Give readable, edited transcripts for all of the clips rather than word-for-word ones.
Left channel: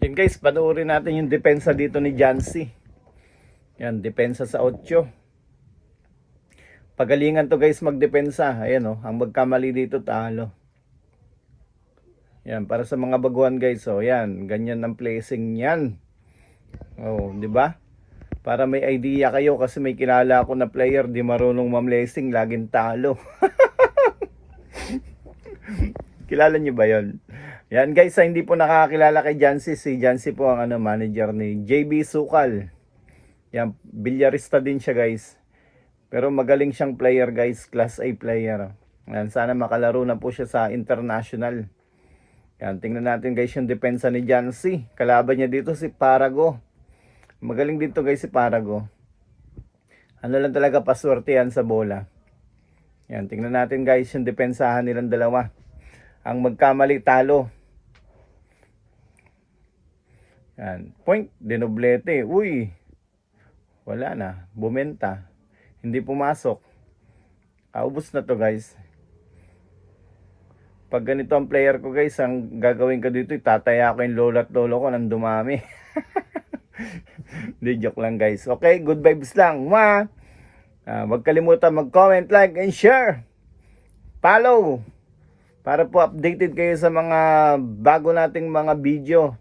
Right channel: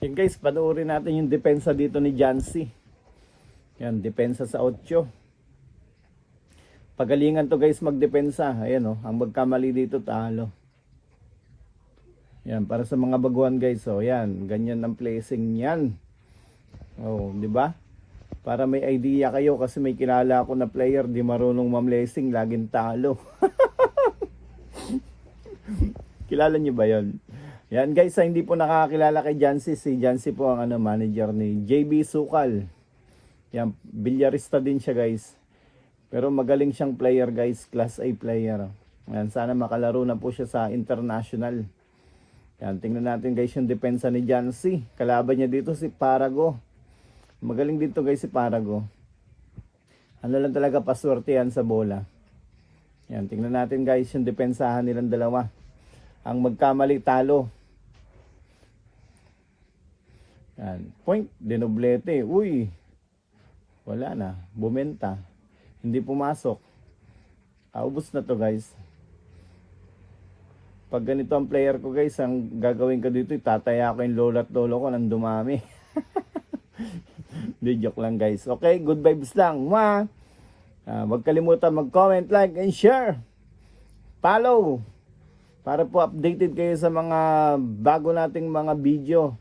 Yan guys, panoorin natin yung depensa dito ni Jancy. Yan, depensa sa 8. Pagalingan to guys magdepensa. Ayan oh, ang magkamali dito talo. Yan, para sa mga baguhan guys, oh, yan, ganyan ang placing niyan. Oh, di ba? Para may idea kayo kasi may kilala ako na player di marunong ma-placing, laging talo. Kilala niyo ba 'yon? Yan guys, sa hindi po nakakakilala kay Jancy, si Jancy po ang manager ni JB Sukal. Yan, bilyarista din siya guys. Pero magaling siyang player guys, class A player. Yan, sana makalaro na po siya sa international. Yan, tingnan natin guys yung depensa ni Jancy. Kalaban niya dito si Parago. Magaling dito guys si Parago. Ano lang talaga, paswerte yan sa bola. Yan, tingnan natin guys yung depensahan nilang dalawa. Ang magkamali talo. Yan, point, dinoblete. Uy, wala na, bumenta. Hindi pumasok. Kaubos na to guys. Pag ganito ang player ko guys, ang gagawin ko dito, itataya ko yung lolo at lolo ko nang dumami. Hindi, joke lang guys. Okay, good vibes lang. Huwag kalimutan mag-comment, like, and share. Follow. Para po updated kayo sa mga bago nating mga video.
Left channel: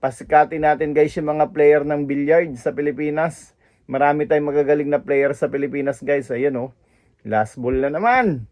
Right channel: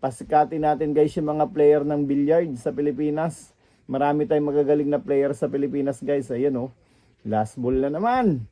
Pasikatin natin guys yung mga player ng billiard sa Pilipinas. Marami tayong magagaling na player sa Pilipinas guys. Ayan oh. Last ball na naman.